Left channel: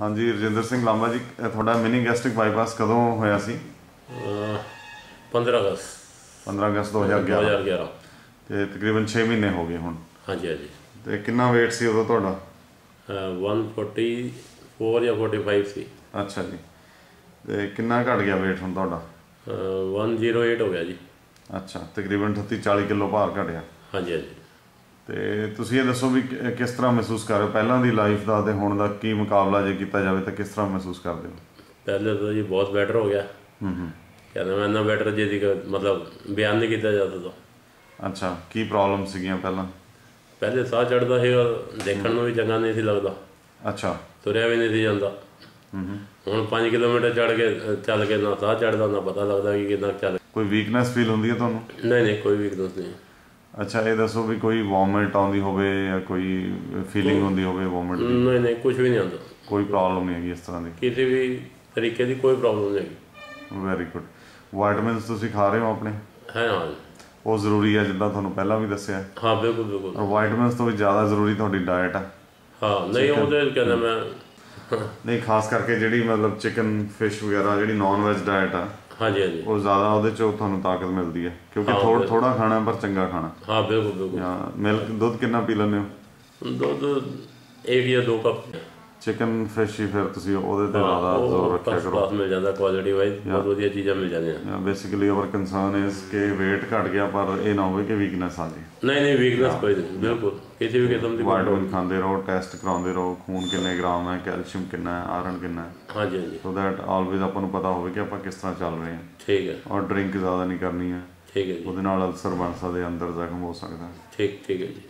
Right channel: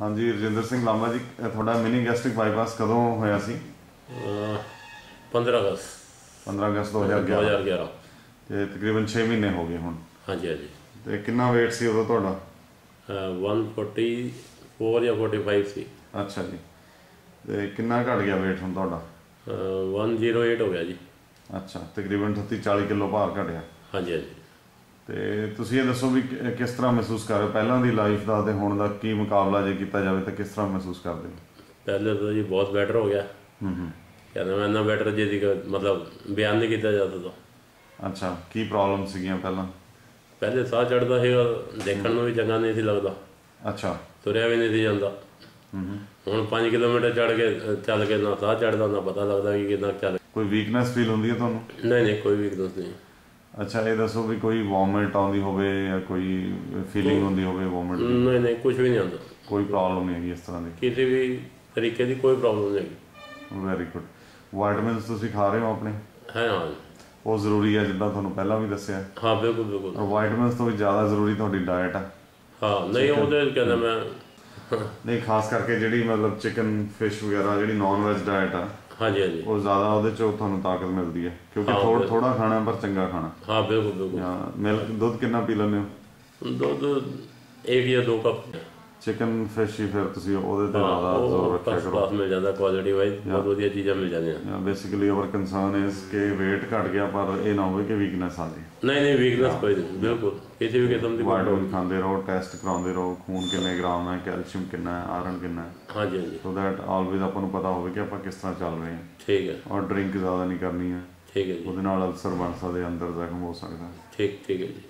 हाँ जी, रजिंदर सिंह लांबा जी, थोड़ा mini gastric bypass कदों होया सी? 15 अगस्त 15 अगस्त 2011 ਤੇ ਤਕਰੀਬਨ 6 ਮਹੀਨੇ ਹੋ ਗਏ ਹੁਣ। ਹਾਂਜੀ ਹਾਂਜੀ। ਤੇ ਕਿੰਨਾ weight ਸੀ ਉਦੋਂ ਤੁਹਾਡਾ? 144 ਜਾਂ 45 ਸੀ। ਅੱਛਾ ਜੀ। ਤੇ ਕਿੰਨਾ ਘਟ ਗਿਆ weight ਹੁਣ ਤੁਹਾਡਾ? 108 ਹੋ ਗਿਆ ਜੀ। ਅੱਛਾ, ਤਕਰੀਬਨ 38-40 ਕਿਲੋ ਭਾਰ ਘਟਿਆ। ਹਾਂਜੀ ਹਾਂਜੀ। ਤੇ ਤੁਸੀਂ ਇਹ ਦੱਸੋ ਵੀ ਕਿਸ ਤਰ੍ਹਾਂ ਮਹਿਸੂਸ ਕਰ ਰਹੇ ਹੋ ਪਹਿਲਾਂ ਦੀ ਲਾਈਫ ਦਾ ਤੇ ਹੁਣ ਦਾ? ਕੀ ਮੁਕਾਬਲਾ ਜੇ ਕੀਤਾ ਜਾਵੇ ਤਾਂ ਕਿਸ ਤਰ੍ਹਾਂ ਮਹਿਸੂਸ ਕਰਦੇ ਹੋ? ਪਹਿਲੇ ਤਾਂ ਜੀ ਬਹੁਤ ਬੈਟਰ ਹੋ ਗਿਆ। ਕਹਿੰਦਾ ਮੈਂ ਇੰਨਾ ਬੈਟਰ ਜਿਹਦੀ ਮਤਲਬ ਬਿਆਨ ਨਹੀਂ ਕੀਤਾ ਜਾ ਸਕਦਾ। ਅੱਛਾ, ਕੀ ਪ੍ਰੋਬਲਮ ਸੀਗੀਆਂ ਪਹਿਲਾਂ? ਪਹਿਲੇ ਸਾਹ ਚੜ੍ਹਦਾ ਸੀਗਾ, ਦੇਖਣ ਨੂੰ ਵੀ ਚੰਗਾ ਨਹੀਂ ਸੀ ਲੱਗਦਾ। ਅੱਛਾ। ਤੁਰਿਆ ਵੀ ਨਹੀਂ ਸੀ ਜਾਂਦਾ। ਹੁਣ 5 ਕਿਲੋਮੀਟਰ ਚੜ੍ਹ ਕੇ ਚੱਲ ਕੇ ਨਾ ਸਾਹ ਚੜ੍ਹਦਾ ਨਾ ਪਤਾ ਲੱਗਦਾ ਕਿ ਕਿੰਨਾ ਚੱਲ। ਕੋਈ ਵੀਕਨੈਸ ਫੀਲ ਹੁੰਦੀ ਹੈ ਤੁਹਾਨੂੰ? ਨਹੀਂ ਨਹੀਂ, ਕੋਈ ਵੀਕਨੈਸ ਨਹੀਂ। ਅੱਛਾ, ਇਹ ਦੱਸੋ ਵੀ ਕੋਈ ਵੋਮਿਟ ਆਉਂਦੀ ਹੋਵੇ ਜਾਂ ਕੋਈ ਫੀਲਿੰਗ ਹੁੰਦੀ ਹੋਵੇ ਵੋਮਿਟ ਦੀ? ਨਹੀਂ ਨਹੀਂ, ਕੁਝ ਵੀ ਨਹੀਂ ਆਉਂਦਾ। ਕੋਈ ਪ੍ਰੋਬਲਮ ਨਹੀਂ ਹੈਗੀ ਇਸ ਤਰ੍ਹਾਂ ਦੀ? ਕਿਸੇ ਵੀ ਤਰੀਕੇ ਦੀ ਕੋਈ ਪ੍ਰੋਬਲਮ ਨਹੀਂ ਹੈਗੀ। Very good. ਵਾਈਟਮਿਨਸ ਤੁਸੀਂ ਖਾ ਰਹੇ ਹੋ ਆਪਣੇ? ਹੈ ਹਾਂ। ਉਹ ਜ਼ਰੂਰੀ ਹੈ ਜਿੱਦਾਂ ਤੁਹਾਨੂੰ ਪਹਿਲਾਂ ਵੀ ਦੱਸਿਆ? ਹਾਂ ਬਿਲਕੁਲ ਬਿਲਕੁਲ। ਔਰ ਵਾਈਟਮਿਨਸ ਤੋਂ ਵੀ ਜ਼ਿਆਦਾ ਜ਼ਰੂਰੀ ਤੁਹਾਡੀ ਡਾਇਟ ਹੈ? ਹਾਂ ਨਹੀਂ, ਉਹਦੇ ਕਹਿੰਦਾ ਮੈਂ ਨਹੀਂ, ਖਾਸ ਕਰਕੇ ਜਿਹੜੀ ਮਤਲਬ ਚਿਕਨ ਫਿਸ਼ ਵਗੈਰਾ ਜਿਹੜੀ ਨੌਨ ਵੈਜ ਡਾਇਟ ਆ। ਹਾਂਜੀ ਹਾਂਜੀ। ਉਹ ਜ਼ਿਆਦਾ ਉਹਦੇ 'ਚੋਂ ਤੁਹਾਨੂੰ ਤਾਕਤ ਮਿਲਦੀ ਹੈ ਕਿਉਂਕਿ ਥੋੜਾ ਖਾਣਾ ਪਰ ਚੰਗਾ ਖਾਣਾ। ਹਾਂ ਬਿਲਕੁਲ ਬਿਲਕੁਲ। ਮਿਲਕ ਦੁੱਧ ਕਿੰਨਾ ਪੀ ਲੈਂਦੇ ਹੋ? ਦੁੱਧ 1 ਜਾਂ 2 ਕੱਪ। ਚਿਕਨ ਫਿਸ਼ ਹੀ ਫਿਰ ਤੁਸੀਂ ਉਹਦੇ 'ਤੇ ਜ਼ਿਆਦਾ ਜ਼ੋਰ ਰੱਖਿਆ ਕਰੋ। ਮਿਲ ਜਾਂਦਾ ਕੁਆਲਿਟੀ ਵਾਈਜ਼, ਬਹੁਤ ਵਧੀਆ ਚੀਜ਼ਾਂ ਮਿਲ ਜਾਂਦੀਆਂ। ਬੇਸਿਕਲੀ ਆਵਰ ਕੰਸਰਨ ਇਜ਼ ਕਿ weight ਘਟ ਗਿਆ ਪਰ ਇਹ ਨਾ ਹੋਵੇ ਕਿ ਵੀਕਨੈਸ ਆ ਜਾਏ। ਨਹੀਂ ਨਹੀਂ, ਵੀਕਨੈਸ ਕੋਈ ਨਹੀਂ, ਬਿਲਕੁਲ ਕਿਸੇ ਵੀ ਕਿਸਮ ਦੀ। ਵਾਈਟਮਿਨ ਖਾਂਦੇ ਰਹੋ, ਟੈਸਟ ਕਰਾਉਂਦੇ ਰਹੋ, ਖੂਨ ਕਿੰਨੇ ਗ੍ਰਾਮ ਹੈ, ਕੈਲਸ਼ੀਅਮ ਕਿੰਨਾ ਹੈ, ਆਇਰਨ ਕਿੰਨਾ ਹੈ। ਹਾਂਜੀ ਹਾਂਜੀ। ਸੋ ਦੈਟ ਆਲਵੇਜ਼ ਆਪਾਂ ਨੂੰ ਪਤਾ ਹੋਵੇ ਕਿ ਆਪਾਂ ਕਿਸ ਤਰ੍ਹਾਂ ਚੱਲ ਰਹੇ ਹਾਂ। ਠੀਕ ਹੈ। ਔਰ ਡਰਿੰਕ ਜ਼ਿਆਦਾ ਨਹੀਂ ਕਰਨੀ ਹੈ। ਠੀਕ ਹੈ ਜੀ। ਉਹਦੇ ਨਾਲ ਅਲਸਰ ਬਣ ਸਕਦੇ, ਅੰਦਰ ਜ਼ਖਮ ਹੋ ਸਕਦਾ। ਠੀਕ ਹੈ ਜੀ।